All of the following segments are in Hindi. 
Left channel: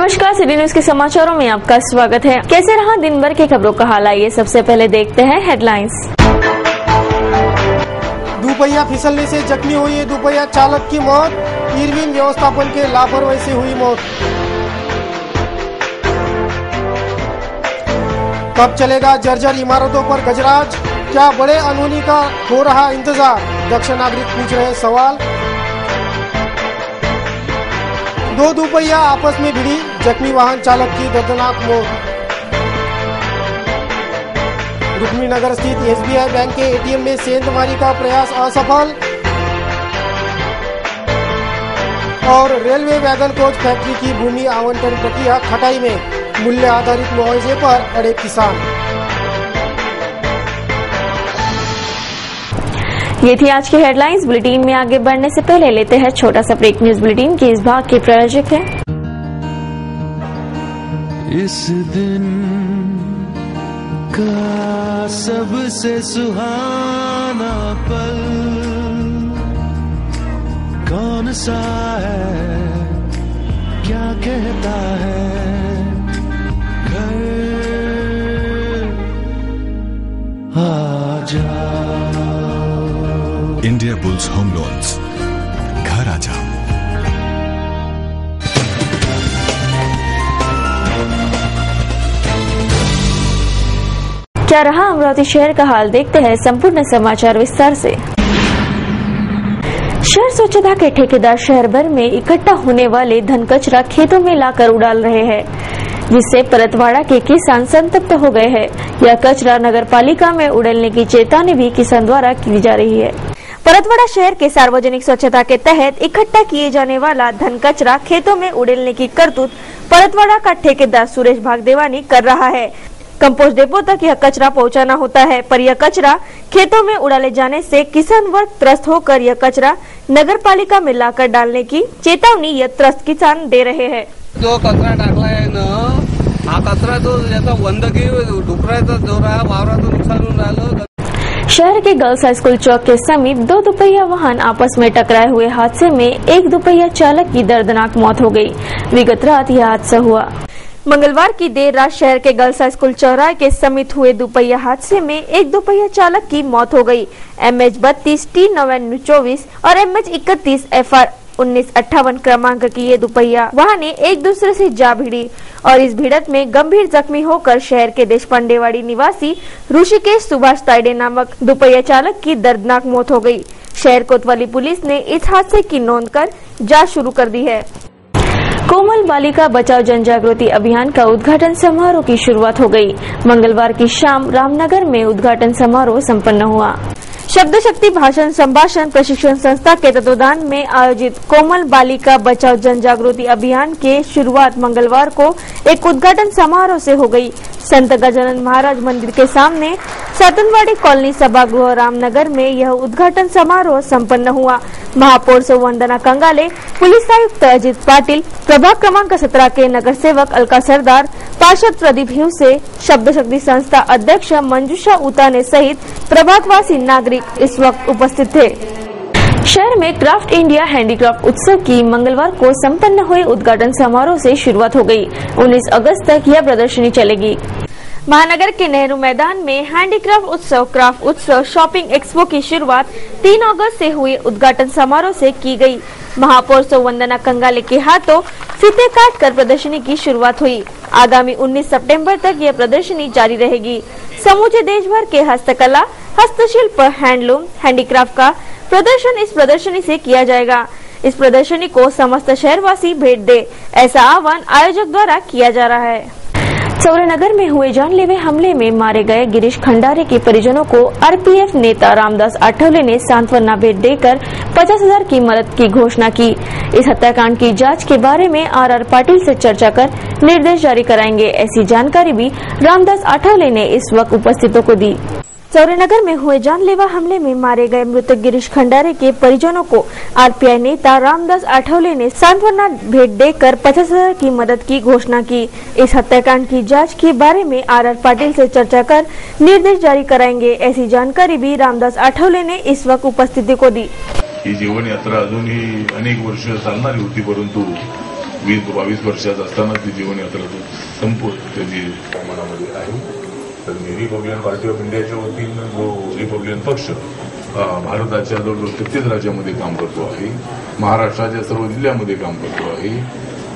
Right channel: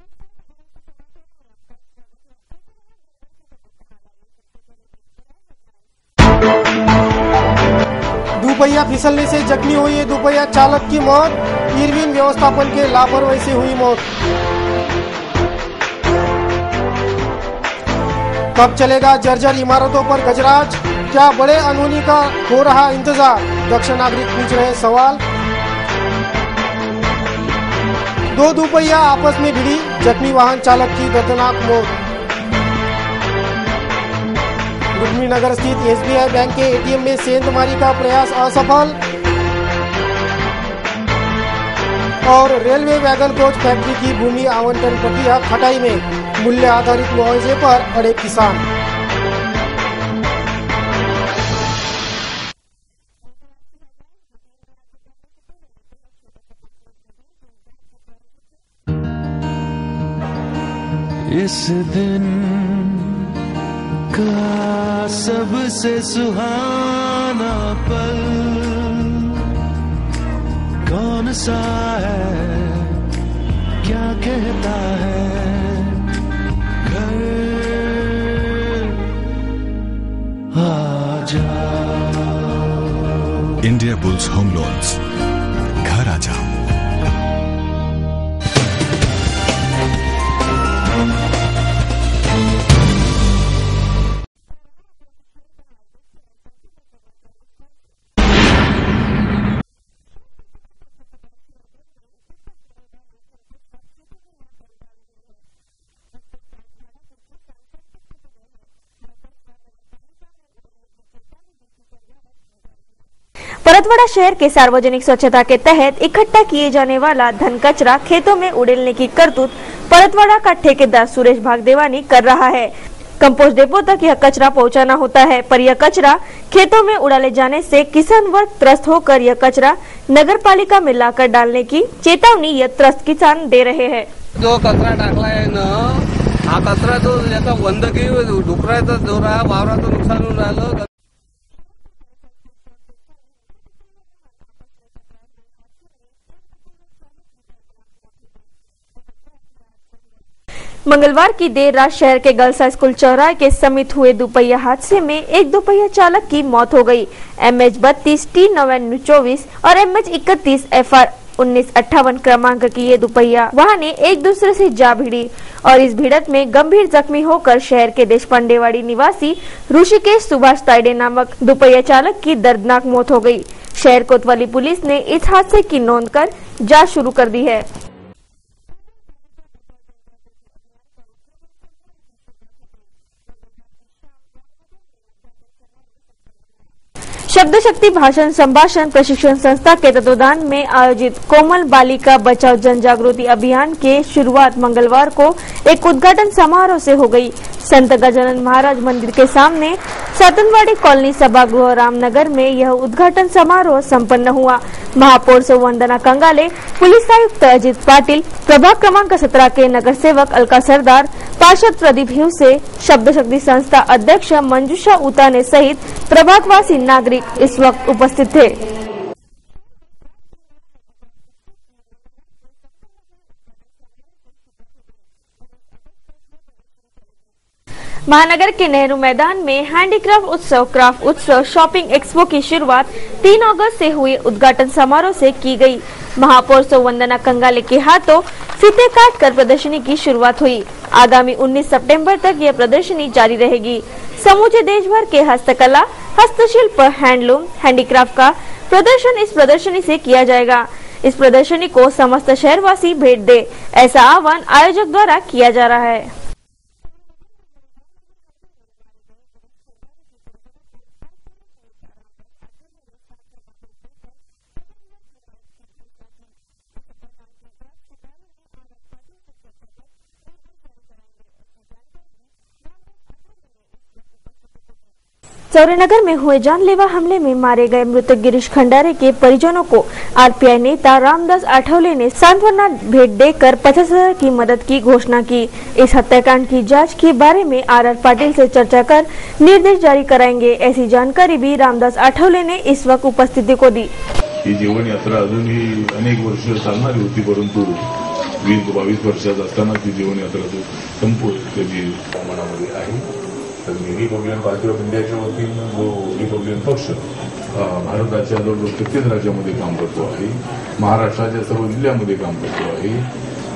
नमस्कार, सिटी न्यूज के समाचारों में आपका स्वागत है। कैसे रहा दिन भर की खबरों का हाल, आइए सबसे पहले देखते हैं हेडलाइंस। दुपहिया फिसलने से जख्मी हुई दुपहिया चालक की मौत, इरविन व्यवस्थापन के लापरवाही से हुई मौत। कब चलेगा जर्जर इमारतों पर गजराज, क्या बड़े अनहोनी का हो रहा इंतजार, दक्ष नागरिक पूछ रहे सवाल। दो दुपहिया आपस में भिड़ी, जख्मी वाहन चालक की दर्दनाक मौत। रुक्मिणीनगर स्थित एसबीआई बैंक के एटीएम में सेंधमारी का प्रयास असफल। और रेलवे वैगन कोच फैक्ट्री की भूमि आवंटन प्रक्रिया खटाई में, मूल्य आधारित मुआवजे पर अड़े किसान। ये थी आज की हेडलाइंस। बुलेटिन में आगे बढ़ने से पहले लेते हैं छोटा सा ब्रेक। न्यूज बुलेटिन के इस भाग के प्रायोजक हैं इस दिन का सबसे सुहाना पल कौन सा है, क्या कहता है घर आजा। इंडिया बुल्स होम लोन्स, घर आ जाओ। क्या रहा अमरावती शहर का हाल, देखते हैं संपूर्ण समाचार विस्तार से। शहर स्वच्छता के ठेकेदार शहर भर में इकट्ठा होने वाले घन कचरा खेतों में लाकर उड़ाल रहे हैं, जिससे परतवाड़ा के किसान संतप्त हो गए हैं। यह कचरा नगर पालिका में उड़ेलने की चेतावनी भी किसान द्वारा की जा रही है। परतवाड़ा शहर के सार्वजनिक स्वच्छता के तहत इकट्ठा किए जाने वाला घन कचरा खेतों में उड़ेलने की करतूत परतवाड़ा का ठेकेदार सुरेश भागदेवानी कर रहा है। कंपोस्ट डिपो तक यह कचरा पहुंचाना होता है, पर यह कचरा खेतों में उड़ाले जाने से किसान वर्ग त्रस्त होकर यह कचरा नगर पालिका में लाकर डालने की चेतावनी यह त्रस्त किसान दे रहे हैं। जो कचरा टाकलाय ना, हा कचरा तो याचा वंदकी डुकराचं जोरा वावराचं नुकसान होऊन राहिलं। शहर के गर्ल्स हाई स्कूल चौक के समीप दो दुपहिया वाहन आपस में टकराए हुए हादसे में एक दुपहिया चालक की दर्दनाक मौत हो गई। विगत रात यह हादसा हुआ। मंगलवार की देर रात शहर के गर्ल्स हाई स्कूल चौराहे के समीप हुए दुपहिया हादसे में एक दुपहिया चालक की मौत हो गई। MH32 T9924 और MH31 FR 1958 क्रमांक की ये दुपहिया वाहने एक दूसरे से जा भिड़ी और इस भिड़त में गंभीर जख्मी होकर शहर के देशपांडेवाड़ी निवासी ऋषिकेश सुभाष ताइडे नामक दुपहिया चालक की दर्दनाक मौत हो गई। शहर कोतवाली पुलिस ने इस हादसे की नोंद कर जांच शुरू कर दी है। कोमल बालिका बचाओ जन जागृति अभियान का उद्घाटन समारोह की शुरुआत हो गई। मंगलवार की शाम रामनगर में उद्घाटन समारोह संपन्न हुआ। शब्द शक्ति भाषण संभाषण प्रशिक्षण संस्था के तत्वाधान में आयोजित कोमल बालिका बचाओ जन जागृति अभियान के शुरुआत मंगलवार को एक उद्घाटन समारोह से हो गई। संत गजानन महाराज मंदिर के सामने सातनवाड़ी कॉलोनी सभागृह रामनगर में यह उद्घाटन समारोह संपन्न हुआ। महापौर सौ वंदना कंगाले, पुलिस आयुक्त अजित पाटिल, प्रभाग क्रमांक 17 के नगर सेवक अलका सरदार, पार्षद प्रदीप हिवसे, शब्द शक्ति संस्था अध्यक्ष मंजूषा उताने सहित प्रभागवासी नागरिक इस वक्त उपस्थित थे। शहर में क्राफ्ट इंडिया हैंडीक्राफ्ट उत्सव की मंगलवार को संपन्न हुए उद्घाटन समारोह से शुरुआत हो गई। 19 अगस्त तक यह प्रदर्शनी चलेगी। महानगर के नेहरू मैदान में हैंडीक्राफ्ट उत्सव, क्राफ्ट उत्सव, शॉपिंग एक्सपो की शुरुआत 3 अगस्त से हुए उद्घाटन समारोह से की गई। महापौर सौ वंदना कंगाले के हाथों फीते काटकर प्रदर्शनी की शुरुआत हुई। आगामी 19 सितंबर तक यह प्रदर्शनी जारी रहेगी। समूचे देश भर के हस्तकला, हस्तशिल्प, हैंडलूम, हैंडीक्राफ्ट का प्रदर्शन इस प्रदर्शनी से किया जाएगा। इस प्रदर्शनी को समस्त शहरवासी भेंट दे, ऐसा आह्वान आयोजक द्वारा किया जा रहा है। चौरानगर में हुए जानलेवा हमले में मारे गए गिरीश खंडारे के परिजनों को RPF नेता रामदास आठवले ने सांत्वना भेंट देकर 50,000 की मदद की घोषणा की। इस हत्याकांड की जांच के बारे में RR पाटिल से चर्चा कर निर्देश जारी कराएंगे, ऐसी जानकारी भी रामदास आठवले ने इस वक्त उपस्थितों को दी। चौरानगर में हुए जानलेवा हमले में मारे गए मृतक गिरीश खंडारे के परिजनों को RPI नेता रामदास आठवले ने सांत्वना भेंट देकर 50,000 की मदद की घोषणा की। इस हत्याकांड की जांच के बारे में RR पाटिल से चर्चा कर निर्देश जारी कराएंगे, ऐसी जानकारी भी रामदास आठवले ने इस वक्त उपस्थिति को दी। ही जीवन यात्रा अजूनही अनेक वर्ष चालणारी होती, परंतु 20-22 वर्षाचा असताना ती जीवनयात्रा तो संपवून त्याची मनामध्ये आहे. तर मी रिपब्लिकन पार्टी ऑफ इंडियाच्या वतीनं जो रिपब्लिकन पक्ष भारताच्या जवळजवळ 33 राज्यामध्ये काम करतो आहे, महाराष्ट्राच्या सर्व जिल्ह्यामध्ये काम करतो आहे.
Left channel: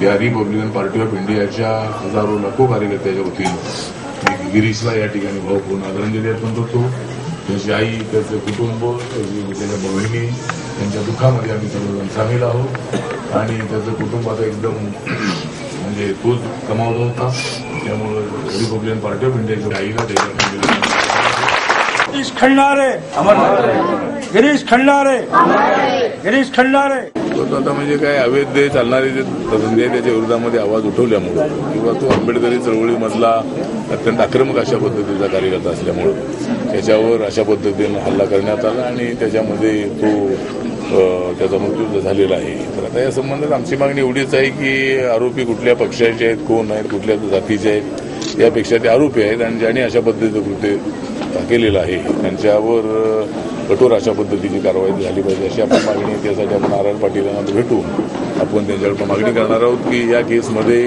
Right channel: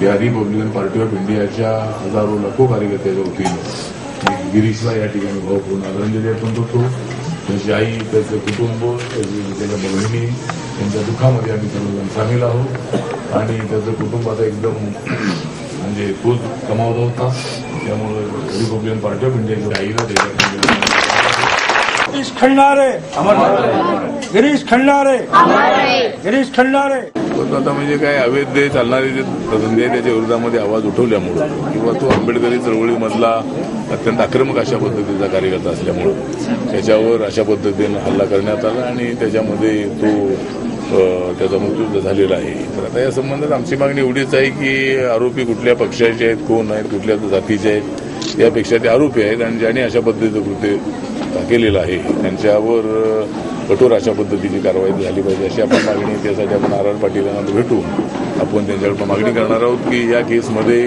या रिपब्लिकन पार्टी ऑफ इंडियाच्या हजारो लाखो कार्यकर्त्याच्या वतीनं मी गिरीशला या ठिकाणी भावपूर्ण आदरांजली अर्पण करतो. त्यांची आई, त्याचं कुटुंब, त्याच्या बहिणी यांच्या दुःखामध्ये आम्ही सर्वजण सामील आहोत आणि त्याचं कुटुंब आता एकदम म्हणजे तोच कमावत होता. त्यामुळे रिपब्लिकन पार्टी ऑफ इंडियाच्या आईला त्याच्या गिरीश खंडारे गिरीश खंडारे गिरीश खंडारे आता म्हणजे काय अवैध चालणारे जे धंदे आहे त्याच्या विरोधामध्ये आवाज उठवल्यामुळं किंवा तो आंबेडकरी चळवळीमधला अत्यंत आक्रमक अशा पद्धतीचा कार्यकर्ता असल्यामुळं त्याच्यावर अशा पद्धतीनं हल्ला करण्यात आला आणि त्याच्यामध्ये त्याचा मृत्यू झालेला आहे. तर आता या संबंधात आमची मागणी एवढीच आहे की आरोपी कुठल्या पक्षाचे आहेत, कोण आहेत, कुठल्या जातीचे आहेत, यापेक्षा ते आरोपी आहेत आणि ज्यांनी अशा पद्धतीचं कृत्य केलेलं आहे त्यांच्यावर कठोर अशा पद्धतीची कारवाई झाली पाहिजे अशी आपण मागणी. त्यासाठी आपण आर पाटील यांना भेटून आपण त्यांच्याकडे मागणी करणार आहोत की या केसमध्ये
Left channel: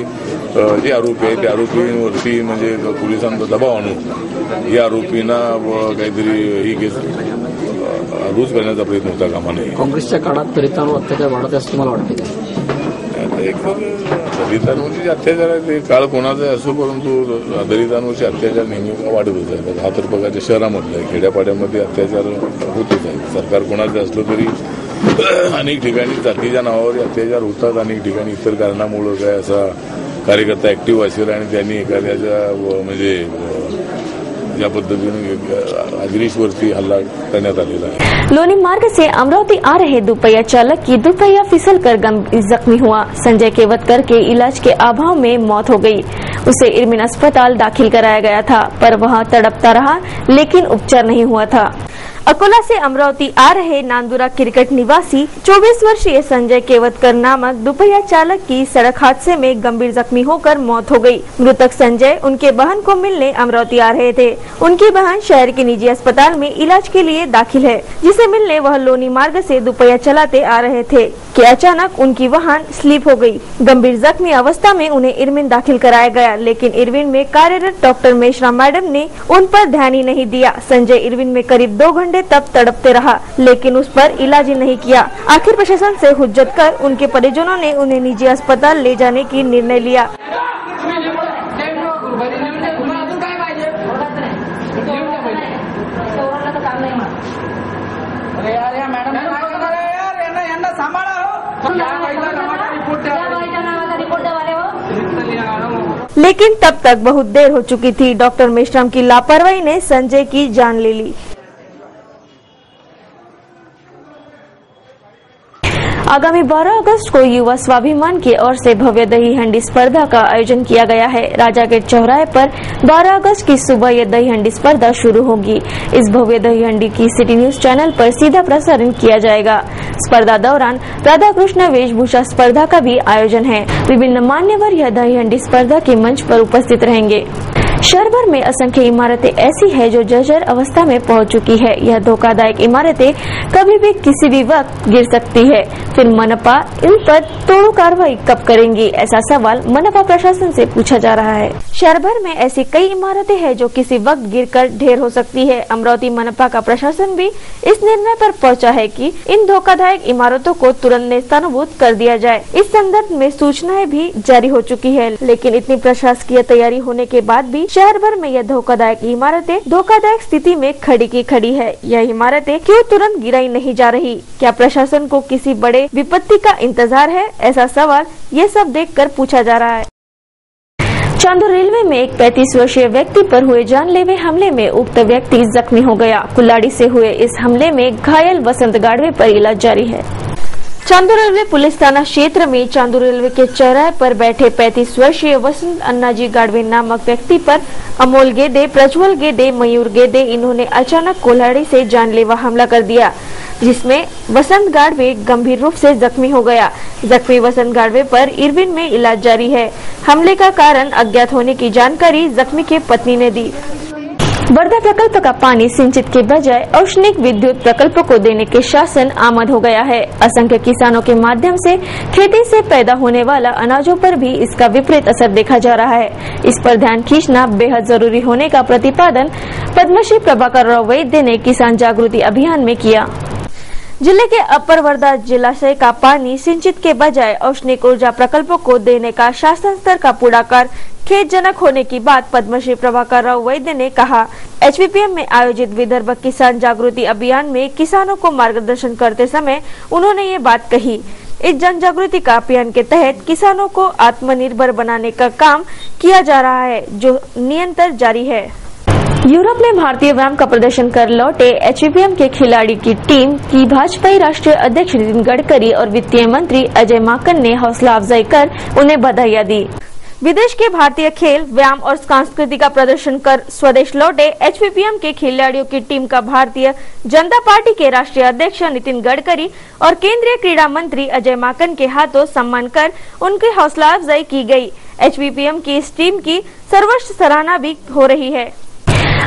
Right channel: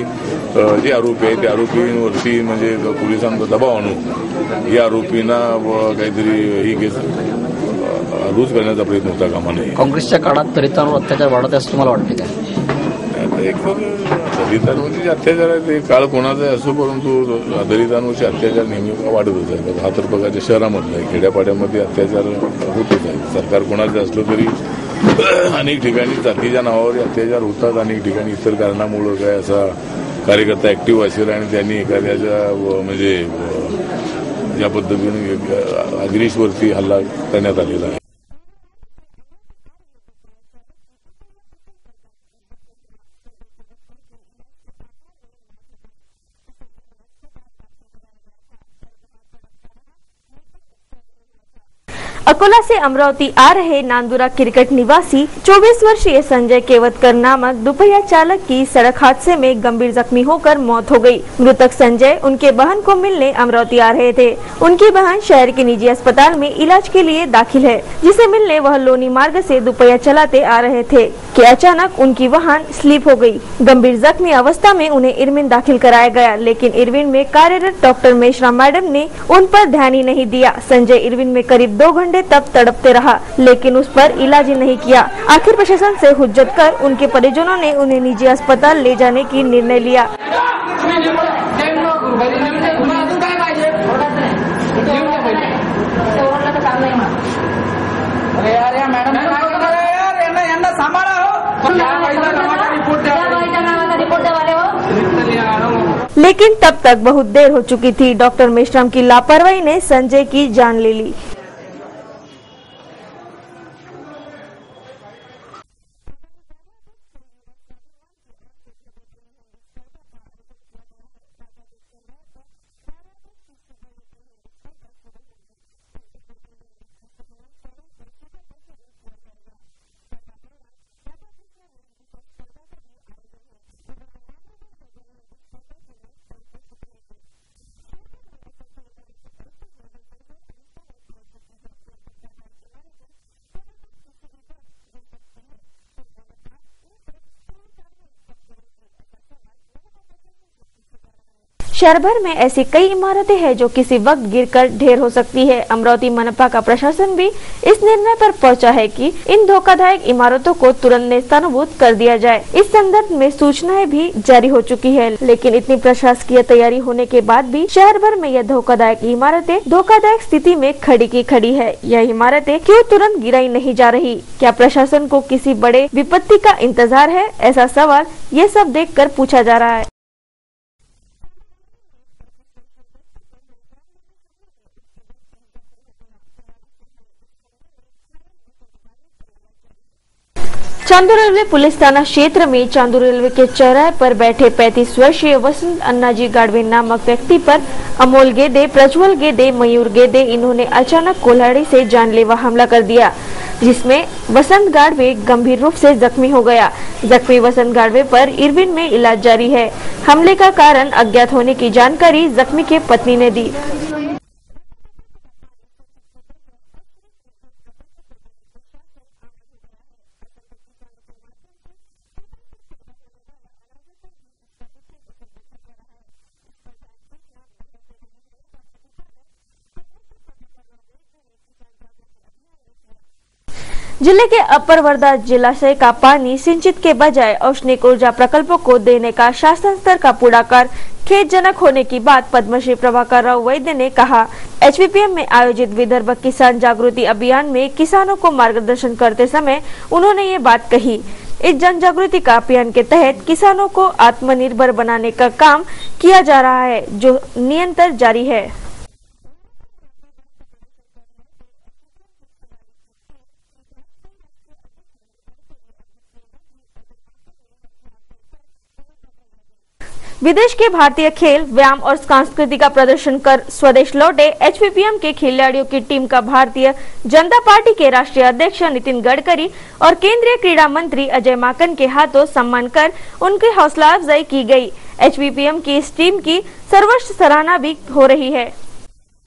जे आरोपी आहेत त्या आरोपींवरती म्हणजे पोलिसांचा दबाव आणून या आरोपींना काहीतरी ही केस रूज करण्याचा प्रयत्न होता कामा नये. काँग्रेसच्या काळात दलितांवर अत्याचार वाढत असं तुम्हाला वाटतं का? दलितांवरचे अत्याचार आहे ते काळ कोणाचा असो, परंतु दलितांवरचे अत्याचार नेहमी वाढतच आहेत. हा तर बघायच्या शहरामधला आहे, खेड्यापाड्यामध्ये अत्याचार होतच आहे. सरकार कोणाचं असलं तरी अनेक ठिकाणी जातीच्या नावावर अत्याचार होतात, अनेक ठिकाणी इतर कारणामुळं काय असा कार्यकर्ता ऍक्टिव्ह असेल आणि त्यांनी एखाद्याच्या म्हणजे ज्या पद्धतीने गिरीशवरती हल्ला करण्यात आलेला आहे. लोनी मार्ग से अमरावती आ रहे दुपहिया चालक की दुपहिया फिसलकर गंभीर जख्मी हुआ. संजय केवतकर के इलाज के अभाव में मौत हो गई. उसे इरविन अस्पताल दाखिल कराया गया था पर वहां तड़पता रहा लेकिन उपचार नहीं हुआ था. अकोला से अमरावती आ रहे नांदुरा क्रिकेट निवासी 24 वर्षीय संजय केवतकर नामक दुपहिया चालक की सड़क हादसे में गंभीर जख्मी होकर मौत हो गई. मृतक संजय उनके बहन को मिलने अमरावती आ रहे थे. उनकी बहन शहर के निजी अस्पताल में इलाज के लिए दाखिल है, जिसे मिलने वह लोनी मार्ग से दुपहिया चलाते आ रहे थे कि अचानक उनकी वाहन स्लिप हो गई. गंभीर जख्मी अवस्था में उन्हें इरविन दाखिल कराया गया, लेकिन इरविन में कार्यरत डॉक्टर मेश्राम मैडम ने उन पर ध्यान ही नहीं दिया. संजय इरविन में करीब 2 घंटे तक तड़पते रहा, लेकिन उस पर इलाज ही नहीं किया. आखिर प्रशासन से हुज्जत कर उनके परिजनों ने उन्हें निजी अस्पताल ले जाने की निर्णय लिया. लेकिन तब तक बहुत देर हो चुकी थी. डॉक्टर मेश्राम की लापरवाही ने संजय की जान ले ली. आगामी 12 अगस्त को युवा स्वाभिमान की ओर से भव्य दही हंडी स्पर्धा का आयोजन किया गया है. राजा गेट चौराहे पर 12 अगस्त की सुबह यह दही हंडी स्पर्धा शुरू होगी. इस भव्य दही हंडी की सिटी न्यूज चैनल पर सीधा प्रसारण किया जाएगा. स्पर्धा दौरान राधा कृष्ण वेशभूषा स्पर्धा का भी आयोजन है. विभिन्न मान्यवर यह दही हंडी स्पर्धा के मंच पर उपस्थित रहेंगे. शहर भर में असंख्य इमारतें ऐसी है जो जर्जर अवस्था में पहुंच चुकी है. यह धोखादायक इमारतें कभी भी किसी भी वक्त गिर सकती है. फिर मनपा इन पर तोड़ू कार्रवाई कब करेंगी, ऐसा सवाल मनपा प्रशासन से पूछा जा रहा है. शहर भर में ऐसी कई इमारतें हैं जो किसी वक्त गिरकर ढेर हो सकती है. अमरावती मनपा का प्रशासन भी इस निर्णय पर पहुंचा है कि इन धोखादायक इमारतों को तुरंत नेस्तनाबूद कर दिया जाए. इस संदर्भ में सूचनाएं भी जारी हो चुकी है, लेकिन इतनी प्रशासकीय तैयारी होने के बाद भी शहर भर में यह धोखादायक इमारतें धोखादायक स्थिति में खड़ी की खड़ी है. यह इमारतें क्यों तुरंत गिराई नहीं जा रही? क्या प्रशासन को किसी बड़े विपत्ति का इंतजार है? ऐसा सवाल ये सब देखकर पूछा जा रहा है. चांदूर रेलवे में एक 35 वर्षीय व्यक्ति पर हुए जानलेवा हमले में उक्त व्यक्ति जख्मी हो गया. कुल्लाड़ी से हुए इस हमले में घायल वसंत गाड़वे पर इलाज जारी है. चांदूर रेलवे पुलिस थाना क्षेत्र में चांदूर रेलवे के चौराहे पर बैठे 35 वर्षीय वसंत अन्नाजी गाड़वे नामक व्यक्ति पर अमोल गेदे, प्रज्वल गेदे, मयूर गेदे इन्होंने अचानक कुल्हाड़ी से जानलेवा हमला कर दिया, जिसमें वसंत गाड़वे गंभीर रूप से जख्मी हो गया. जख्मी वसंत गाड़वे पर इरविन में इलाज जारी है. हमले का कारण अज्ञात होने की जानकारी जख्मी के पत्नी ने दी. वर्धा प्रकल्प का पानी सिंचित के बजाय औष्णिक विद्युत प्रकल्प को देने के शासन आमद हो गया है। असंख्य किसानों के माध्यम से खेती से पैदा होने वाला अनाजों पर भी इसका विपरीत असर देखा जा रहा है। इस पर ध्यान खींचना बेहद जरूरी होने का प्रतिपादन पद्मश्री प्रभाकर राव वैद्य ने किसान जागृति अभियान में किया। जिले के अपर वर्धा जलाशय का पानी सिंचित के बजाय औष्णिक ऊर्जा प्रकल्पों को देने का शासन स्तर का पुढाकार खेदजनक होने की बात पद्मश्री प्रभाकर राव वैद्य ने कहा। HVPM में आयोजित विदर्भ किसान जागृति अभियान में किसानों को मार्गदर्शन करते समय उन्होंने ये बात कही। इस जन जागृति का अभियान के तहत किसानों को आत्मनिर्भर बनाने का काम किया जा रहा है, जो निरंतर जारी है। यूरोप में भारतीय व्यायाम का प्रदर्शन कर लौटे HVPM के खिलाड़ी की टीम की भाजपा राष्ट्रीय अध्यक्ष नितिन गडकरी और वित्तीय मंत्री अजय माकन ने हौसला अफजाई कर उन्हें बधाइयां दी। विदेश के भारतीय खेल, व्यायाम और संस्कृति का प्रदर्शन कर स्वदेश लौटे HVPM के खिलाड़ियों की टीम का भारतीय जनता पार्टी के राष्ट्रीय अध्यक्ष नितिन गडकरी और केंद्रीय क्रीड़ा मंत्री अजय माकन के हाथों सम्मान कर उनकी हौसला अफजाई की गई। HVPM की इस टीम की सर्वोच्च सराहना भी हो रही है।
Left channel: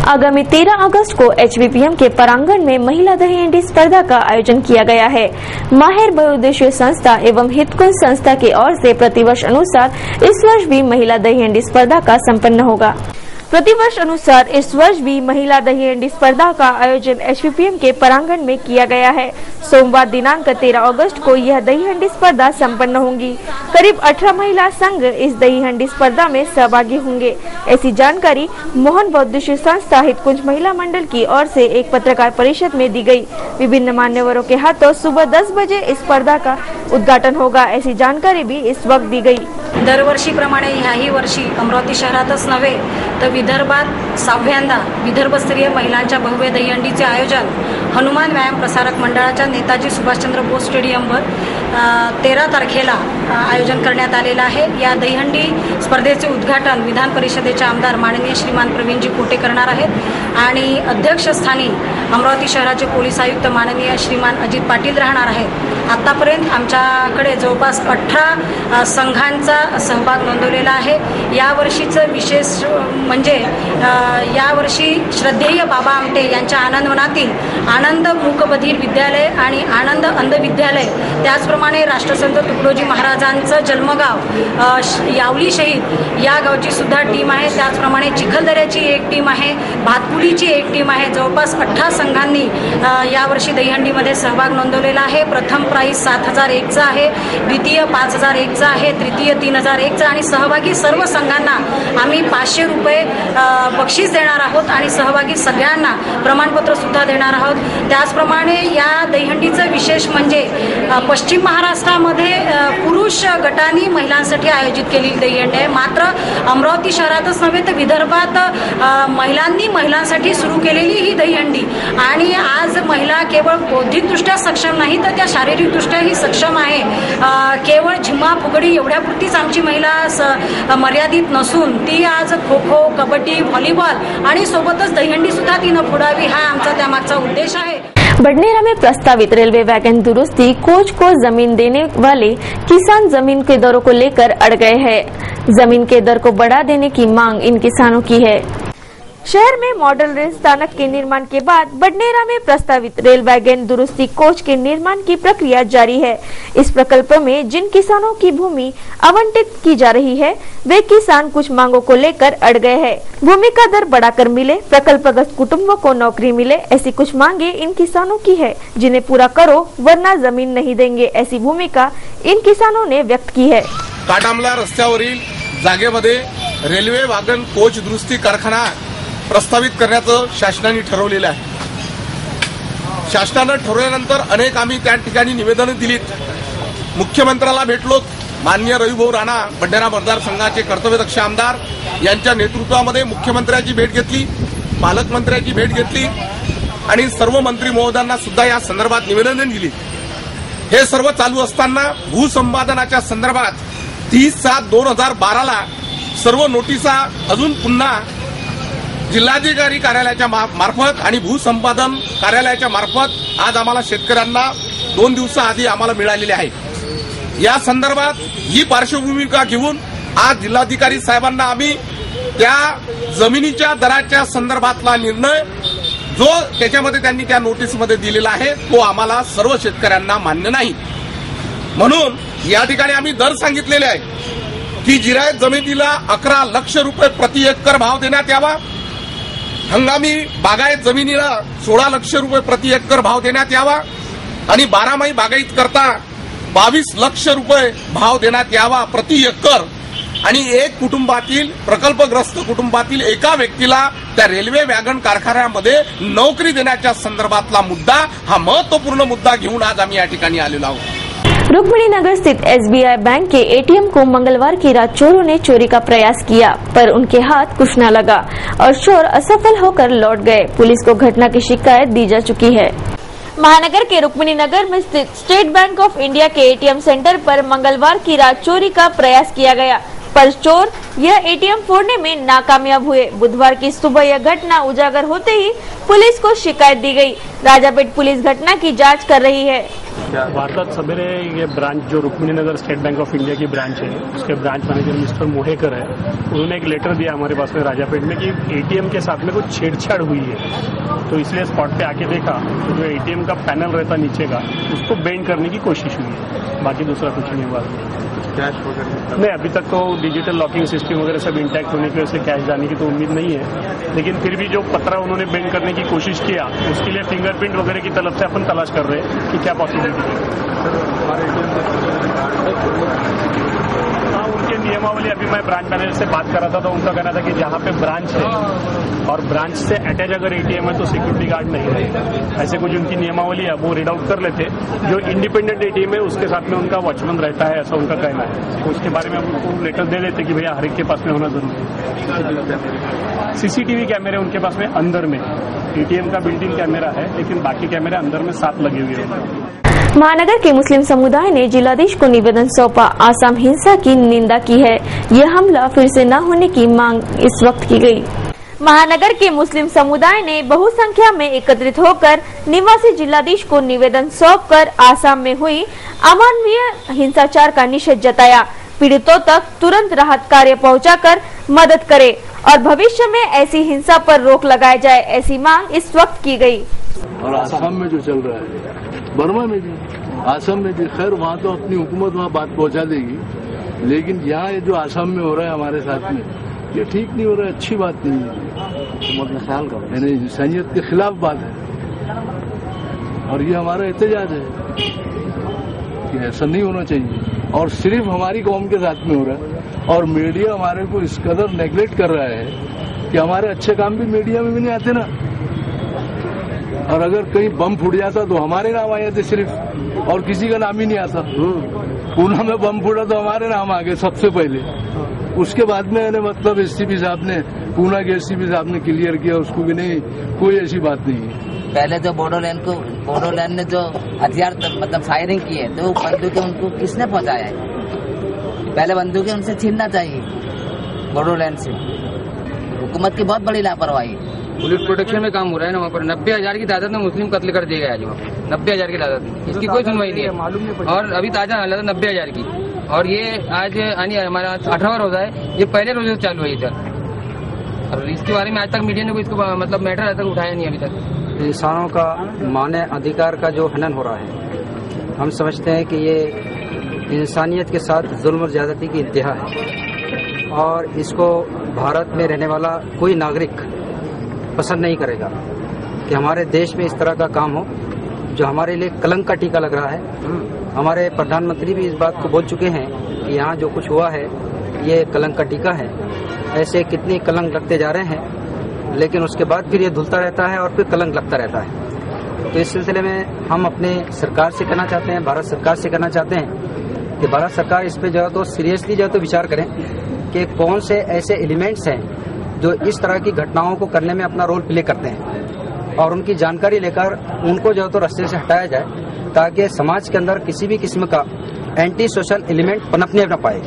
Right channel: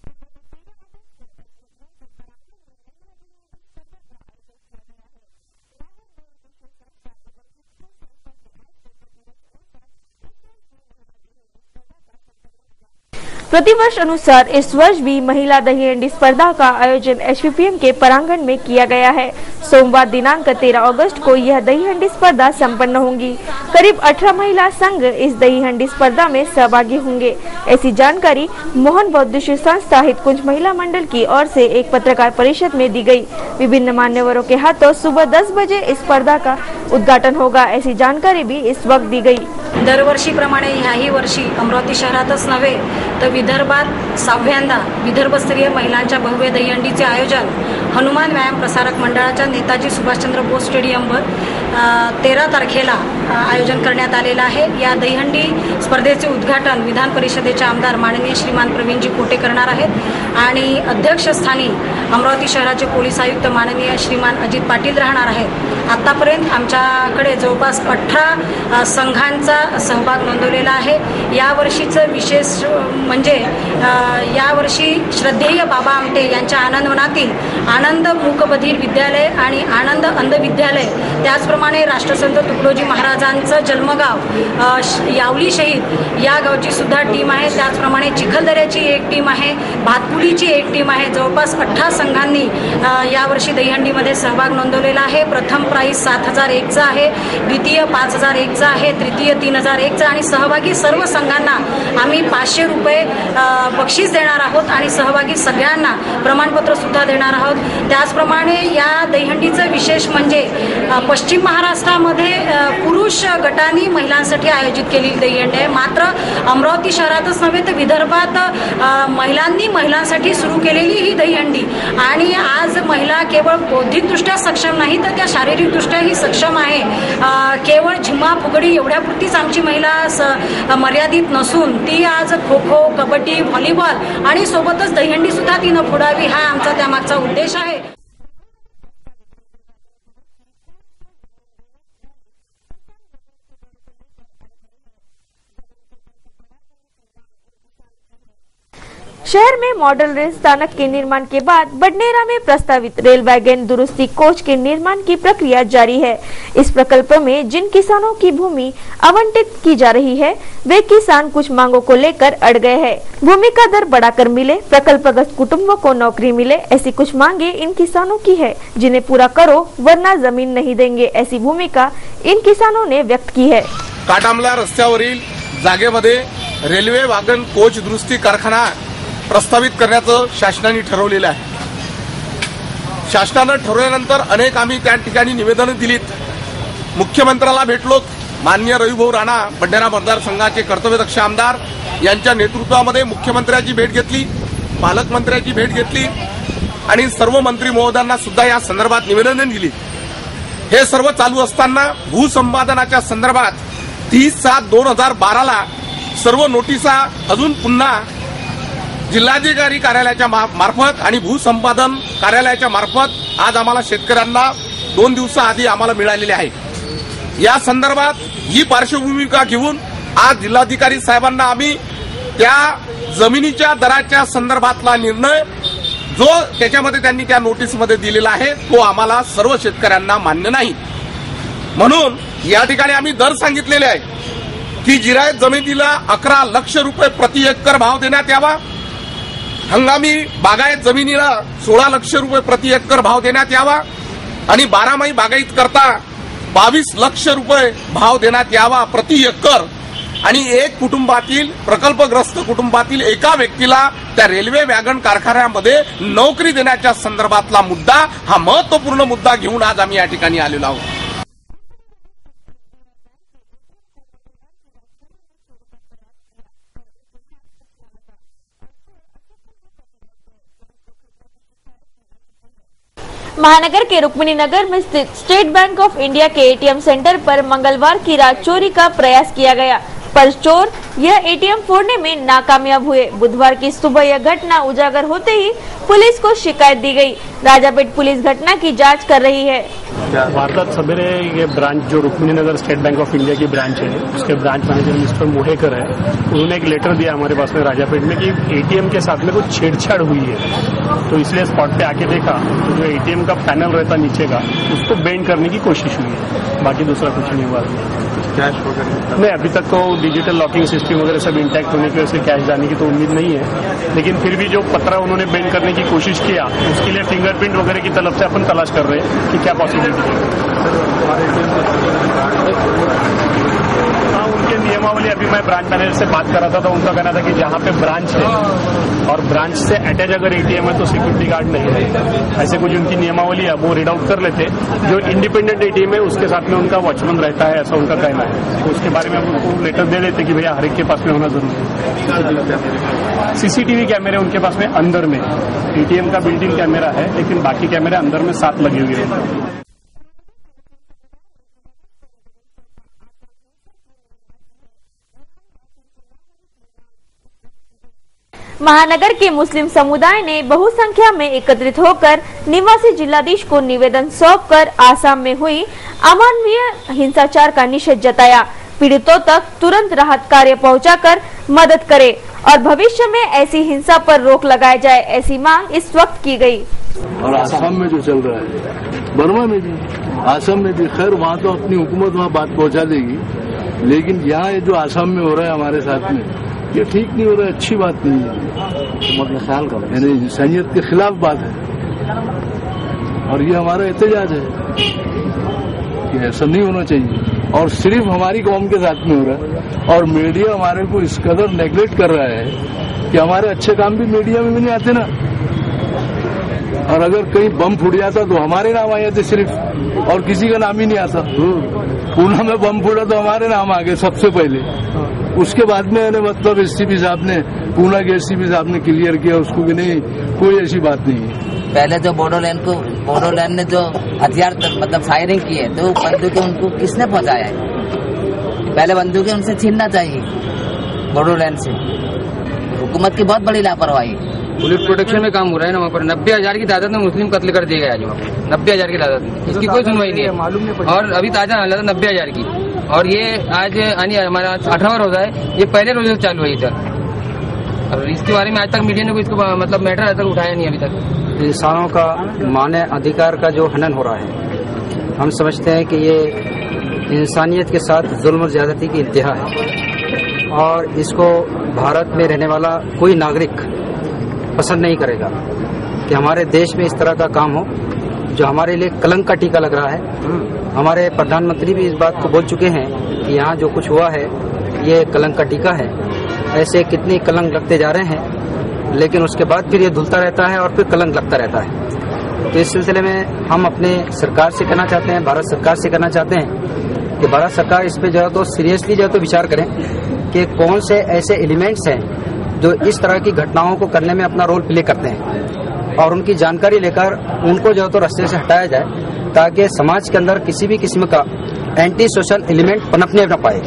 आगामी 13 अगस्त को HVPM के प्रांगण में महिला दही हंडी स्पर्धा का आयोजन किया गया है। माहिर बहुउद्देशीय संस्था एवं हितकुंज संस्था की ओर से प्रतिवर्ष अनुसार इस वर्ष भी महिला दही हंडी स्पर्धा का संपन्न होगा। प्रतिवर्ष अनुसार इस वर्ष भी महिला दही हंडी स्पर्धा का आयोजन HVPM के प्रांगण में किया गया है। सोमवार दिनांक 13 अगस्त को यह दही हंडी स्पर्धा संपन्न होगी। करीब 18 महिला संघ इस दही हंडी स्पर्धा में सहभागी होंगे। ऐसी जानकारी मोहन बहुउद्देशीय संस्था हितकुंज महिला मंडल की ओर से एक पत्रकार परिषद में दी गई। विभिन्न मान्यवरों के हाथों सुबह 10 बजे इस स्पर्धा का उद्घाटन होगा, ऐसी जानकारी भी इस वक्त दी गई। दरवर्षीप्रमाणे ह्याही वर्षी अमरावती शहरातच नव्हे तर विदर्भात 6व्यांदा विदर्भस्तरीय महिलांच्या भव्य दहीहंडीचे आयोजन हनुमान व्यायाम प्रसारक मंडळाच्या नेताजी सुभाषचंद्र बोस स्टेडियमवर 13 तारखेला आयोजन करण्यात आलेलं आहे। या दहीहंडी स्पर्धेचे उद्घाटन विधान परिषदेचे आमदार माननीय श्रीमान प्रवीणजी कोटे करणार आहेत आणि अध्यक्षस्थानी अमरावती शहराचे पोलीस आयुक्त माननीय श्रीमान अजित पाटील राहणार आहेत। आतापर्यंत आमच्याकडे जवळपास 18 संघांचा सहभाग नोंदवलेला आहे। या वर्षीचं विशेष म्हणजे यावर्षी श्रद्धेय बाबा आमटे यांच्या आनंदवनातील आनंद मूकबधीर विद्यालय आणि आनंद अंध विद्यालय, त्याचप्रमाणे राष्ट्रसंत तुकडोजी महाराजांचं जन्मगाव यावली शहीद या गावची सुद्धा टीम आहे। त्याचप्रमाणे चिखलदऱ्याची एक टीम आहे, भातकुलीची एक टीम आहे। जवळपास 18 संघांनी यावर्षी दहीहंडीमध्ये सहभाग नोंदवलेला आहे। प्रथम प्राइस 7001चा आहे, द्वितीय 5001चा आहे, तृतीय 3001चा आणि सहभागी सर्व संघांना आम्ही 500 रुपये बक्षीस देणार आहोत आणि सहभागी सगळ्यांना प्रमाणपत्र सुद्धा देणार आहोत। त्याचप्रमाणे या दहीहंडीचं विशेष म्हणजे पश्चिम महाराष्ट्रामध्ये पुरुष गटांनी महिलांसाठी आयोजित केलेली दहीहंडी आहे। मात्र अमरावती शहरातच नव्हे तर विदर्भात महिलांनी महिलांसाठी सुरू केलेली ही दहीहंडी आणि आज महिला केवळ बौद्धिकदृष्ट्या सक्षम नाही तर त्या शारीरिकदृष्ट्याही सक्षम आहे। केवळ झिम्मा फुगडी एवढ्यापुरतीच आमची महिला मर्यादित नसून ती आज खो खो, कबड्डी, व्हॉलीबॉल आणि सोबतच दहीहंडी सुद्धा तिनं फोडावी हा आमचा त्यामागचा उद्देश आहे। बडनेरा में प्रस्तावित रेलवे वैगन दुरुस्ती कोच को जमीन देने वाले किसान जमीन के दरों को लेकर अड़ गए हैं। जमीन के दर को बढ़ा देने की मांग इन किसानों की है। शहर में मॉडल रेल स्थानक के निर्माण के बाद बडनेरा में प्रस्तावित रेल वैगन दुरुस्ती कोच के निर्माण की प्रक्रिया जारी है। इस प्रकल्प में जिन किसानों की भूमि आवंटित की जा रही है वे किसान कुछ मांगों को लेकर अड़ गए हैं। भूमि का दर बढ़ाकर मिले, प्रकल्पग्रस्त कुटुंबों को नौकरी मिले, ऐसी कुछ मांगे इन किसानों की है जिन्हें पूरा करो वरना जमीन नहीं देंगे, ऐसी भूमिका इन किसानों ने व्यक्त की है। काटामला रस्त्यावरील जागेमध्ये रेल्वे वागन कोच दुरुस्ती कारखाना प्रस्तावित करण्याचं शासनाने ठरवलेलं आहे। शासनानं ठरवल्यानंतर अनेक आम्ही त्या ठिकाणी निवेदनं दिलीत, मुख्यमंत्र्याला भेटलोत। माननीय रविभाऊ राणा बडनेरा मतदारसंघाचे कर्तव्यदक्ष आमदार यांच्या नेतृत्वामध्ये मुख्यमंत्र्याची भेट घेतली, पालकमंत्र्याची भेट घेतली आणि सर्व मंत्री महोदयांना सुद्धा या संदर्भात निवेदनं दिली। हे सर्व चालू असताना भूसंपादनाच्या संदर्भात 30/7/2012 ला सर्व नोटिसा अजून पुन्हा जिल्हाधिकारी कार्यालयाच्या मार्फत आणि भूसंपादन कार्यालयाच्या मार्फत आज आम्हाला शेतकऱ्यांना 2 दिवसाआधी आम्हाला मिळालेले आहे। या संदर्भात ही पार्श्वभूमिका घेऊन आज जिल्हाधिकारी साहेबांना आम्ही त्या जमिनीच्या दराच्या संदर्भातला निर्णय जो त्याच्यामध्ये त्यांनी त्या नोटीसमध्ये दिलेला आहे तो आम्हाला सर्व शेतकऱ्यांना मान्य नाही. म्हणून या ठिकाणी आम्ही दर सांगितलेले आहे की जिरायत जमिनीला 11 लाख रुपये प्रति एकर भाव देण्यात यावा, हंगामी बागायत जमिनीला 16 लाख रुपये प्रति एकर भाव देण्यात यावा आणि 12माही बागायत करता 22 लाख रुपये भाव देण्यात यावा प्रति एकर आणि एक कुटुंबातील प्रकल्पग्रस्त कुटुंबातील एका व्यक्तीला त्या रेल्वे वॅगन कारखान्यामध्ये नोकरी देण्याच्या संदर्भातला मुद्दा हा महत्वपूर्ण मुद्दा घेऊन आज आम्ही या ठिकाणी आलेलो आहोत. रुक्मिणी नगर स्थित SBI बैंक के ATM को मंगलवार की रात चोरों ने चोरी का प्रयास किया पर उनके हाथ कुछ न लगा और चोर असफल होकर लौट गए. पुलिस को घटना की शिकायत दी जा चुकी है. महानगर के रुक्मिणी नगर में स्थित स्टेट बैंक ऑफ इंडिया के ATM सेंटर पर मंगलवार की रात चोरी का प्रयास किया गया पर चोर यह ATM फोड़ने में नाकामयाब हुए. बुधवार की सुबह यह घटना उजागर होते ही पुलिस को शिकायत दी गई. राजापेट पुलिस घटना की जांच कर रही है. वारदात सवेरे ये ब्रांच जो रुक्मिणी नगर स्टेट बैंक ऑफ इंडिया की ब्रांच है उसके ब्रांच मैनेजर मिस्टर मोहेकर है, उन्होंने एक लेटर दिया हमारे पास में राजापेट में कि ATM के साथ में कुछ छेड़छाड़ हुई है. तो इसलिए स्पॉट पे आके देखा तो जो ATM का पैनल रहता नीचे का उसको बेंड करने की कोशिश हुई है, बाकी दूसरा कुछ नहीं हुआ. नहीं, अभी तक तो डिजिटल लॉकिंग सिस्टम वगैरह सब इंटैक्ट होने की वजह से कैश जाने की तो उम्मीद नहीं है, लेकिन फिर भी जो पत्रा उन्होंने बेंड करने की कोशिश किया उसके लिए फिंगरप्रिंट वगैरह की तरफ से अपन तलाश कर रहे हैं कि क्या पॉसिबिलिटी है. उनके नियमावली अभी मैं ब्रांच मैनेजर से बात कर रहा था तो उनका कहना था कि जहाँ पे ब्रांच है और ब्रांच से अटैच अगर ATM है तो सिक्योरिटी गार्ड नहीं है. ऐसे कुछ उनकी नियमावली है वो रीड आउट कर लेते. जो इंडिपेंडेंट ATM है उसके साथ में उनका वॉचमैन रहता है, ऐसा उनका कहना है. तो उसके बारे में हम उनको लेटर दे देते कि भैया हर एक के पास में होना जरूरी है. CCTV कैमरे उनके पास में अंदर में ATM का बिल्डिंग कैमरा है लेकिन बाकी कैमरे अंदर में 7 लगे हुए हैं. महानगर के मुस्लिम समुदाय ने जिलाधीश को निवेदन सौंपा. आसाम हिंसा की निंदा की है. यह हमला फिर से न होने की मांग इस वक्त की गई. महानगर के मुस्लिम समुदाय ने बहुसंख्या में एकत्रित होकर निवासी जिलाधीश को निवेदन सौंपकर आसाम में हुई अमानवीय हिंसाचार का निषेध जताया. पीड़ितों तक तुरंत राहत कार्य पहुंचाकर मदद करे और भविष्य में ऐसी हिंसा पर रोक लगाई जाए, ऐसी मांग इस वक्त की गई. और आसाम में जो चल रहा है बर्मा में भी, आसाम में भी, खैर वहाँ तो अपनी हुकूमत वहाँ बात पहुँचा देगी, लेकिन यहाँ जो आसाम में हो रहा है हमारे साथ में ये ठीक नहीं हो रहा है, अच्छी बात नहीं है. यानी इंसानियत के खिलाफ बात है और ये हमारा एहतजाज है कि ऐसा नहीं होना चाहिए और सिर्फ हमारी कौम के साथ में हो रहा है. और मीडिया हमारे को इस कदर नेग्लेक्ट कर रहा है कि हमारे अच्छे काम भी मीडिया में नहीं आते ना. और अगर कहीं बम फूट जाता तो हमारे नाम आ जाते सिर्फ और किसी का नाम ही नहीं आता. पूना में बम फूटा तो हमारे नाम आ गए सबसे पहले. उसके बाद में मतलब SCP साहब ने, पूना के SCP साहब ने क्लियर किया उसको कि नहीं कोई ऐसी बात नहीं है. पहले जो बोडोलैंड ने जो हथियार मतलब फायरिंग की है तो बंदूकें उनको किसने पहुंचाया है? पहले बंदूकें उनसे छीनना चाहिए बोडोलैंड से. हुकूमत की बहुत बड़ी लापरवाही. पुलिस प्रोटेक्शन में काम हो रहा है ना वहाँ पर 90,000 की तादाद में मुस्लिम कत्ल कर दिए गए आज. 90,000 की तादाद में इसकी कोई सुनवाई नहीं है. और अभी ताजा हालत 90,000 की और ये आज हमारा 18वां रोजा है. ये पहले रोजे से चालू है ये. और इसके बारे में आज तक मीडिया ने कोई इसको मतलब मैटर आज तक उठाया नहीं. अभी तक इंसानों का मानव अधिकार का जो हनन हो रहा है, हम समझते हैं कि ये इंसानियत के साथ जुल्म और ज्यादती की इंतहा है और इसको भारत में रहने वाला कोई नागरिक पसंद नहीं करेगा कि हमारे देश में इस तरह का काम हो जो हमारे लिए कलंक का टीका लग रहा है. हमारे प्रधानमंत्री भी इस बात को बोल चुके हैं कि यहाँ जो कुछ हुआ है ये कलंक का टीका है. ऐसे कितने कलंक लगते जा रहे हैं लेकिन उसके बाद फिर ये धुलता रहता है और फिर कलंक लगता रहता है. तो इस सिलसिले में हम अपने सरकार से कहना चाहते हैं, भारत सरकार से कहना चाहते हैं कि भारत सरकार इस पे जो है तो सीरियसली जो है तो विचार करें कि कौन से ऐसे एलिमेंट्स हैं जो इस तरह की घटनाओं को करने में अपना रोल प्ले करते हैं और उनकी जानकारी लेकर उनको जो है तो रास्ते से हटाया जाए ताकि समाज के अंदर किसी भी किस्म का एंटी सोशल एलिमेंट पनपने न पाए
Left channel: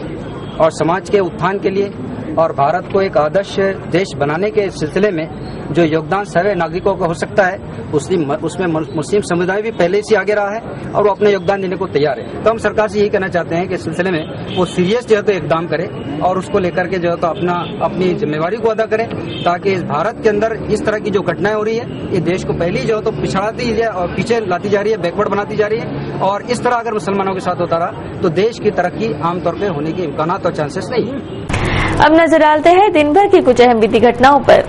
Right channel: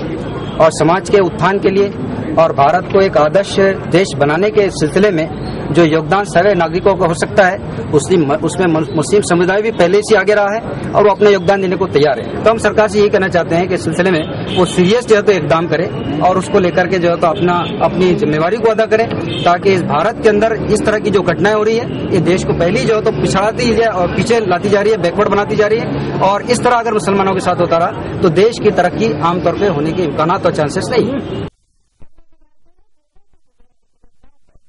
और समाज के उत्थान के लिए और भारत को एक आदर्श देश बनाने के सिलसिले में जो योगदान सारे नागरिकों को हो सकता है उसमें मुस्लिम समुदाय भी पहले से आगे रहा है और वो अपना योगदान देने को तैयार है। तो हम सरकार से यही कहना चाहते हैं कि इस सिलसिले में वो सीरियस जो है तो इकदाम करे और उसको लेकर के जो है तो अपनी जिम्मेवारी को अदा करे, ताकि इस भारत के अंदर इस तरह की जो घटनाएं हो रही है ये देश को पहले जो है तो पिछड़ाती है और पीछे लाती जा रही है, बैकवर्ड बनाती जा रही है। और इस तरह अगर मुसलमानों के साथ होता रहा तो देश की तरक्की आमतौर पर होने के इम्कान और चांसेस नहीं है। अब नजर डालते हैं दिन भर की कुछ अहम बीती घटनाओं पर।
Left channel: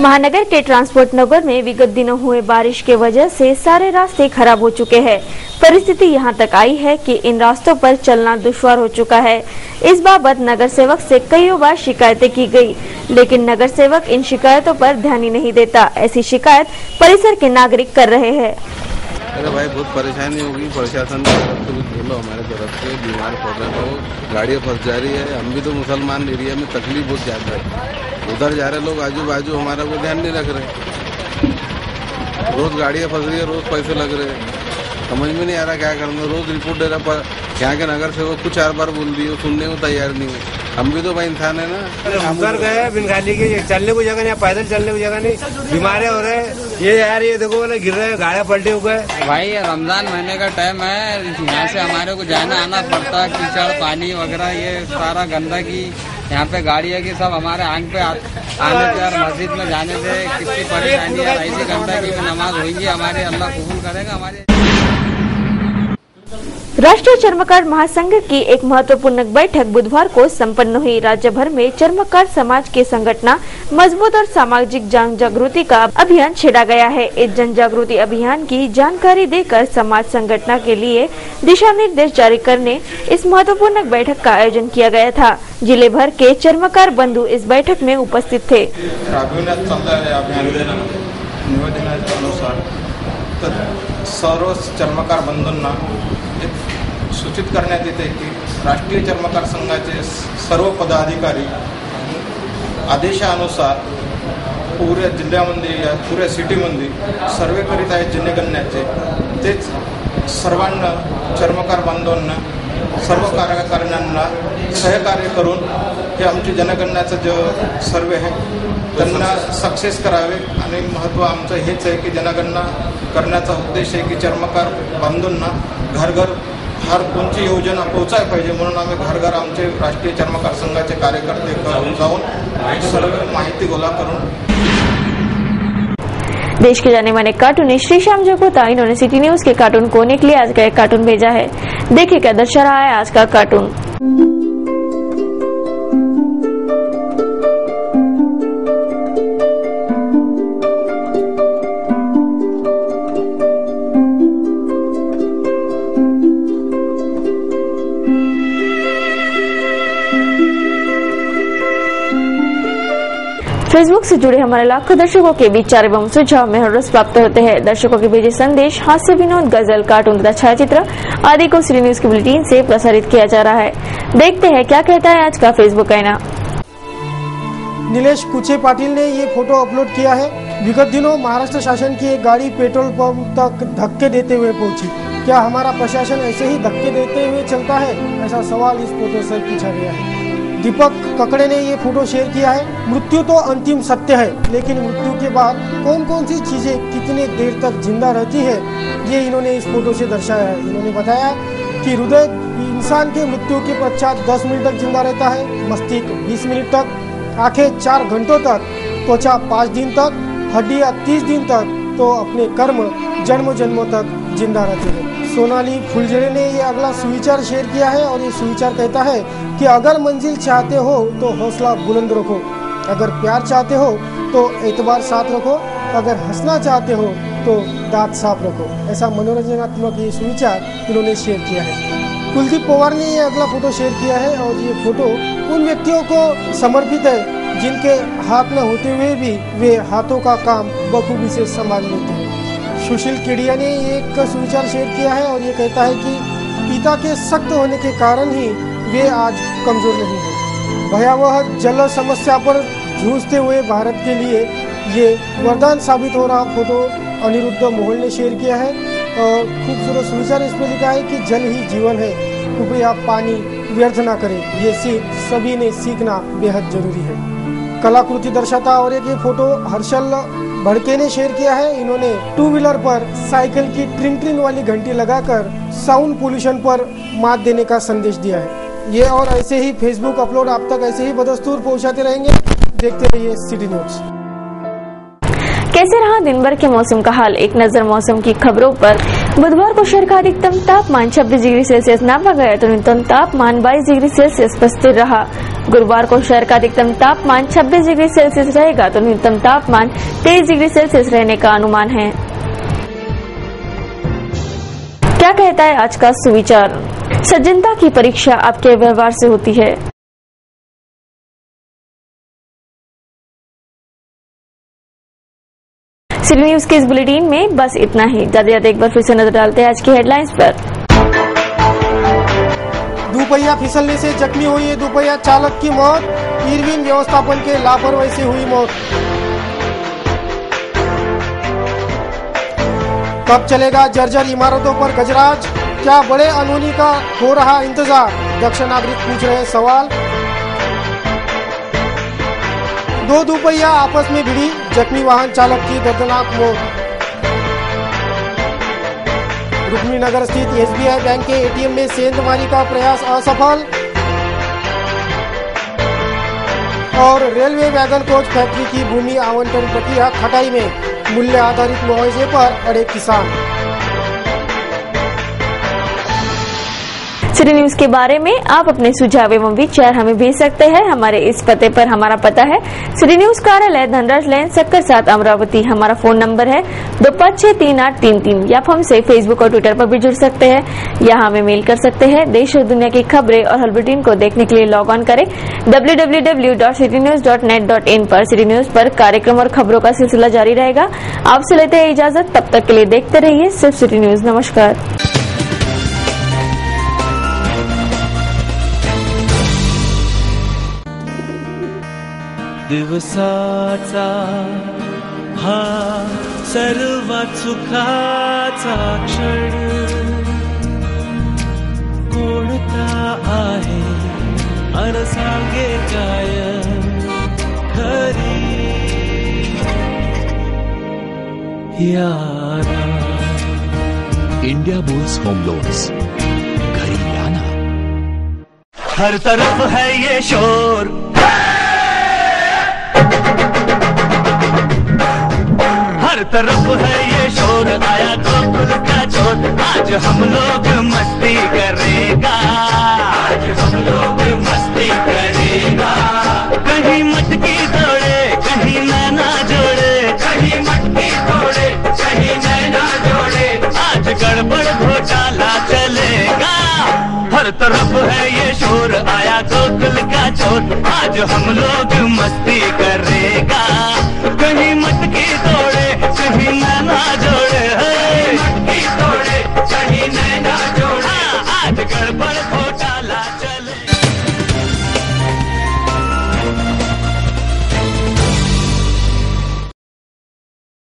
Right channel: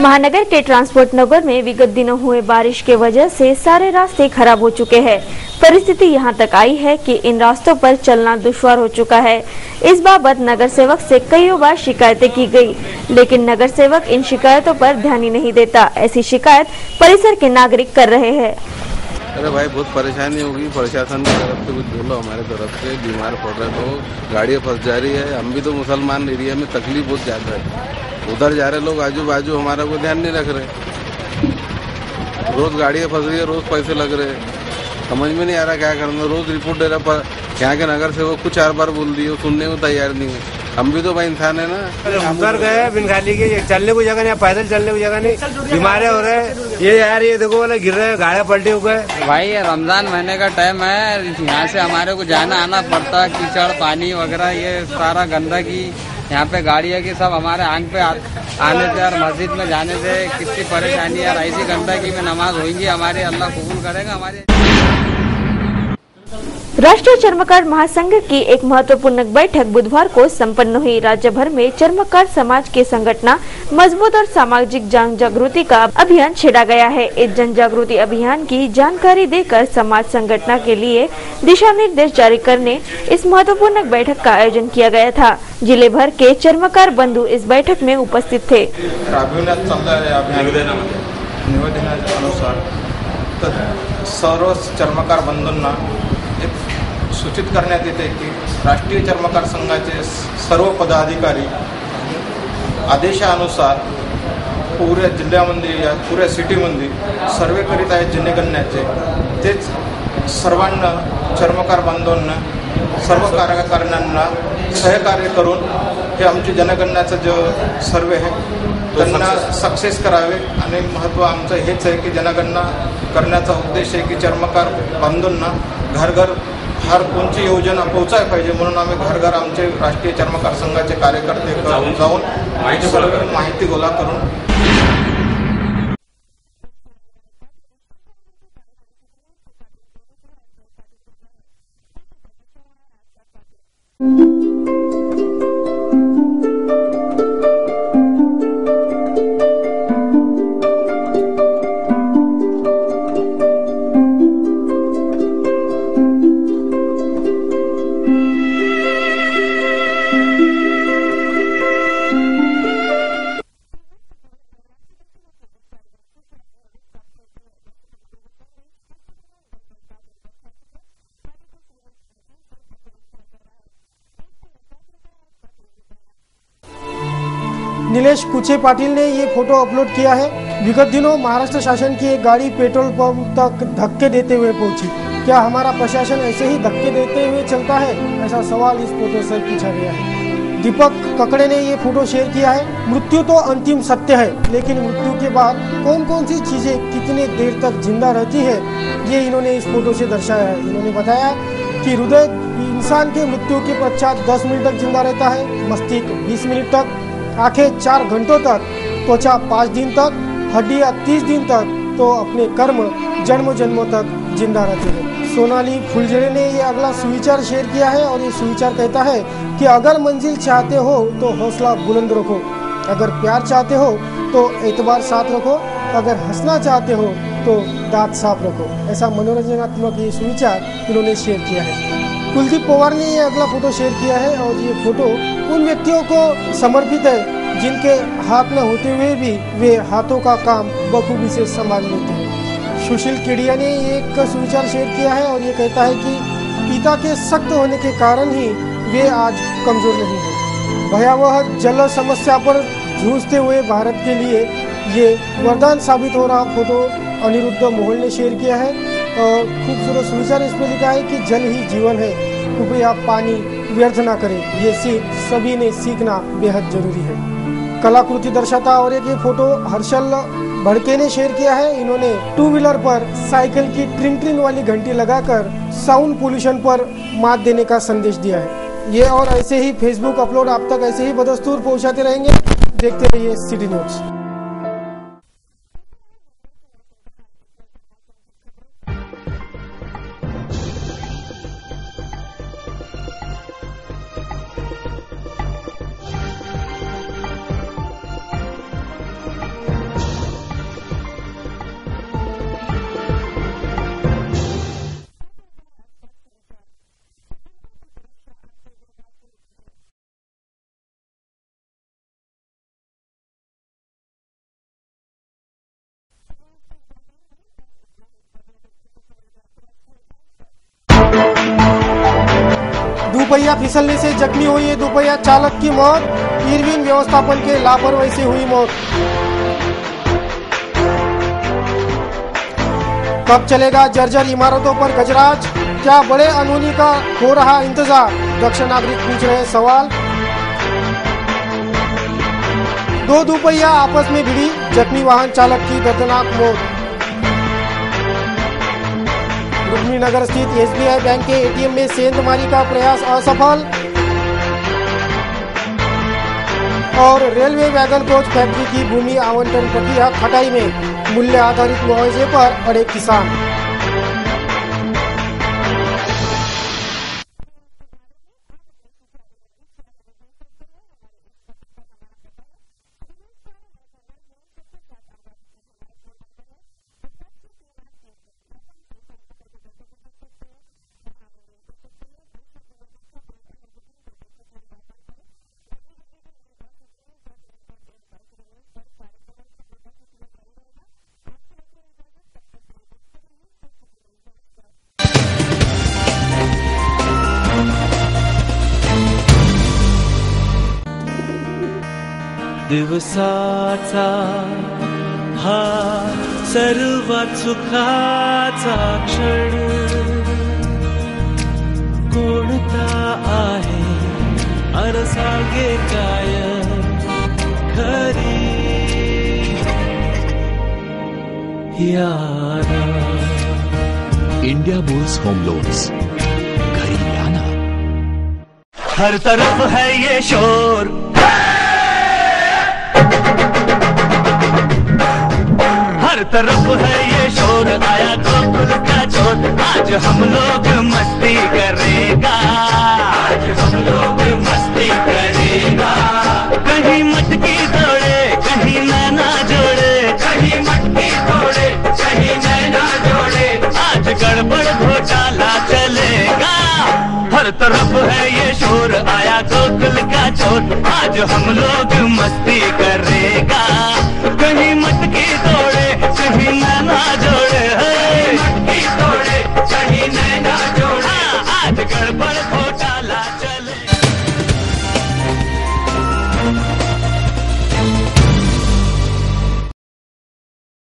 महानगर के ट्रांसपोर्ट नगर में विगत दिनों हुए बारिश के वजह से सारे रास्ते खराब हो चुके हैं। परिस्थिति यहां तक आई है कि इन रास्तों पर चलना दुश्वार हो चुका है। इस बाबत नगर सेवक से कई बार शिकायतें की गई, लेकिन नगर सेवक इन शिकायतों पर ध्यान ही नहीं देता। ऐसी शिकायत परिसर के नागरिक कर रहे हैं। अरे भाई बहुत परेशानी होगी, प्रशासन की तरफ से कुछ बोलो, हमारे तरफ से बीमार पड़ रहे तो गाड़ियाँ फंस जा रही है। हम भी तो मुसलमान एरिया में तकलीफ बहुत ज्यादा है, उधर जा रहे लोग आजू बाजू हमारा को ध्यान नहीं रख रहे। रोज गाड़ियाँ फंस रही है, रोज पैसे लग रहे हैं, समझ में नहीं आ रहा क्या करना। रोज रिपोर्ट दे रहा, पर यहाँ के नगर सेवक कुछ 4 बार बोल दिए, सुनने को तैयार नहीं है। हम भी तो भाई इंसान है ना। उतर गए बिनगाली के, चलने को जगह नहीं, पैदल चलने को जगह नहीं, बीमारे हो रहे हैं। ये यार ये देखो वाले गिर रहे हैं, गाड़ियाँ पलटे हो गए। भाई ये रमजान महीने का टाइम है, यहाँ से हमारे को जाना आना पड़ता है, कीचड़ पानी वगैरह ये सारा गंदगी यहाँ पे गाड़ियाँ की सब हमारे आंख पे आने से और मस्जिद में जाने से कितनी परेशानी है। ऐसी गंदगी में नमाज होगी हमारे, अल्लाह कबूल करेगा हमारे। राष्ट्रीय चर्मकार महासंघ की एक महत्वपूर्ण बैठक बुधवार को संपन्न हुई। राज्य भर में चर्मकार समाज के संगठन मजबूत और सामाजिक जन जागृति का अभियान छेड़ा गया है। इस जन जागृति अभियान की जानकारी देकर समाज संगठन के लिए दिशा निर्देश जारी करने इस महत्वपूर्ण बैठक का आयोजन किया गया था। जिले भर के चर्मकार बंधु इस बैठक में उपस्थित थे। निवेदनानुसार सर्व चर्मकार बंधूंना सूचित करण्यात येते की राष्ट्रीय चर्मकार संघाचे सर्व पदाधिकारी आदेशानुसार पुऱ्या जिल्ह्यामध्ये या पुऱ्या सिटीमध्ये सर्वे करीत आहेत जनगणनेचे। तेच सर्वांना चर्मकार बांधवांना सर्व कार्यकर्त्यांना सहकार्य करून हे आमची जनगणनेचं जो सर्वे आहे त्यांना सक्सेस करावे। आणि महत्त्व आमचं हेच आहे की जनगणना करण्याचा उद्देश आहे की चर्मकार बांधवांना घर घर हर कोणची योजना पोहोचायला पाहिजे, म्हणून आम्ही घर घर आमचे राष्ट्रीय चर्मकार संघाचे कार्यकर्ते जाऊन सर्व माहिती गोळा करून। देश के जाने माने कार्टूनिस्ट श्रीश्याम जगोता, इन्होंने सिटी न्यूज के कार्टून कोने के लिए आज का एक कार्टून भेजा है। देखिए क्या दर्शा रहा है आज का कार्टून। फेसबुक से जुड़े हमारे लाखों दर्शकों के विचार एवं सुझाव में हर रोज प्राप्त होते हैं। दर्शकों के भेजे संदेश, हास्य, विनोद, गजल, कार्टून तथा छायाचित्र आदि को सिटी न्यूज की बुलेटिन से प्रसारित किया जा रहा है। देखते हैं क्या कहता है आज का फेसबुक आईना। नीलेश कुचे पाटिल ने ये फोटो अपलोड किया है। विगत दिनों महाराष्ट्र शासन की एक गाड़ी पेट्रोल पंप तक धक्के देते हुए पहुंची। क्या हमारा प्रशासन ऐसे ही धक्के देते हुए चलता है? ऐसा सवाल इस फोटो से पूछा गया है। दीपक ककड़े ने ये फोटो शेयर किया है। मृत्यु तो अंतिम सत्य है, लेकिन मृत्यु के बाद कौन कौन सी चीजें कितने देर तक जिंदा रहती है, ये इन्होंने इस फोटो से दर्शाया है। इन्होंने बताया कि हृदय इंसान के मृत्यु के पश्चात 10 मिनट तक जिंदा रहता है, मस्तिष्क 20 मिनट तक, आंखें 4 घंटों तक, त्वचा 5 दिन तक, हड्डियां 30 दिन तक, तो अपने कर्म जन्म जन्मों तक जिंदा रहते हैं। सोनाली फुलझड़े ने ये अगला सुविचार शेयर किया है और ये सुविचार कहता है कि अगर मंजिल चाहते हो तो हौसला बुलंद रखो, अगर प्यार चाहते हो तो एतबार साथ रखो, अगर हंसना चाहते हो तो दांत साफ रखो। ऐसा मनोरंजनात्मक ये सुविचार इन्होंने शेयर किया है। कुलदीप पवार ने ये अगला फोटो शेयर किया है और ये फोटो उन व्यक्तियों को समर्पित है जिनके हाथ न होते हुए भी वे हाथों का काम बखूबी से संभाल लेते हैं। सुशील केडिया ने एक सुविचार शेयर किया है और ये कहता है कि पिता के सख्त होने के कारण ही वे आज कमजोर नहीं हैं। भयावह जल समस्या पर जूझते हुए भारत के लिए ये वरदान साबित हो रहा फोटो अनिरुद्ध मोहन ने शेयर किया है और खूबसूरत सुविचार इसमें लिखा है कि जल ही जीवन है, कृपया पानी व्यर्थ ना करें। ये सिर्फ सभी ने सीखना बेहद जरूरी है। कलाकृति दर्शाता और एक ये फोटो हर्षल भड़के ने शेयर किया है। इन्होंने 2 व्हीलर पर साइकिल की ट्रिंग ट्रिंग वाली घंटी लगाकर साउंड पोल्यूशन पर मात देने का संदेश दिया है। ये और ऐसे ही फेसबुक अपलोड आप तक ऐसे ही बदस्तूर पहुंचाते रहेंगे। देखते रहिए सिटी न्यूज। कैसे रहा दिन भर के मौसम का हाल, एक नजर मौसम की खबरों पर। बुधवार को शहर का अधिकतम तापमान 26 डिग्री सेल्सियस नापा गया तो न्यूनतम तापमान 22 डिग्री सेल्सियस पर स्थिर रहा। गुरुवार को शहर का अधिकतम तापमान 26 डिग्री सेल्सियस रहेगा तो न्यूनतम तापमान 23 डिग्री सेल्सियस रहने का अनुमान है। क्या कहता है आज का सुविचार? सज्जनता की परीक्षा आपके व्यवहार से होती है। सिटी न्यूज के इस बुलेटिन में बस इतना ही। ज्यादा एक बार फिर से नजर डालते हैं आज की हेडलाइंस पर। दुपहिया फिसलने से जख्मी हुई है दुपहिया चालक की मौत, इरविन व्यवस्थापन के लापरवाही से हुई मौत। कब चलेगा जर्जर इमारतों पर गजराज, क्या बड़े अनहोनी का हो रहा इंतजार? दक्ष नागरिक पूछ रहे सवाल। 2 दुपहिया आपस में भिड़ी, जख्मी वाहन चालक की दर्दनाक मौत। रुक्मिणी नगर स्थित SBI बैंक के ATM में सेंधमारी का प्रयास असफल। और रेलवे वैगन कोच फैक्ट्री की भूमि आवंटन प्रक्रिया खटाई में, मूल्य आधारित मुआवजे पर अड़े किसान। सिटी न्यूज के बारे में आप अपने सुझाव एवं विचार हमें भेज सकते हैं हमारे इस पते पर। हमारा पता है सिटी न्यूज कार्यालय धनराज लेन सक्कर 7 अमरावती। हमारा फोन नंबर है 25633833। या हमसे फेसबुक और ट्विटर पर भी जुड़ सकते हैं या हमें मेल कर सकते हैं। देश और दुनिया की खबरें और हर बुलेटिन को देखने के लिए लॉग ऑन करें www.citynews.net.in पर। सिटी न्यूज पर कार्यक्रम और खबरों का सिलसिला जारी रहेगा। आपसे लेते हैं इजाजत, तब तक के लिए देखते रहिए सिर्फ सिटी न्यूज। नमस्कार। दिवसाचा हा सर्वात सुखाचा क्षण कोणता आहे अन सांगे काय खरी याना। इंडिया बुल्स होम लोन्स, घरी लाना। हर तरफ है ये शोर, हर तरफ है ये शोर, आया गोकुल का चोर। आज हम लोग मस्ती करेगा, आज हम लोग मस्ती करेगा। कहीं मटकी दौड़े कहीं नैना जोड़े, कहीं मटकी दौड़े कहीं नैना जोड़े। आज गड़बड़ घोटाला चलेगा, हर तरफ है ये शोर, आया गोकुल का चोर। आज हम लोग मस्ती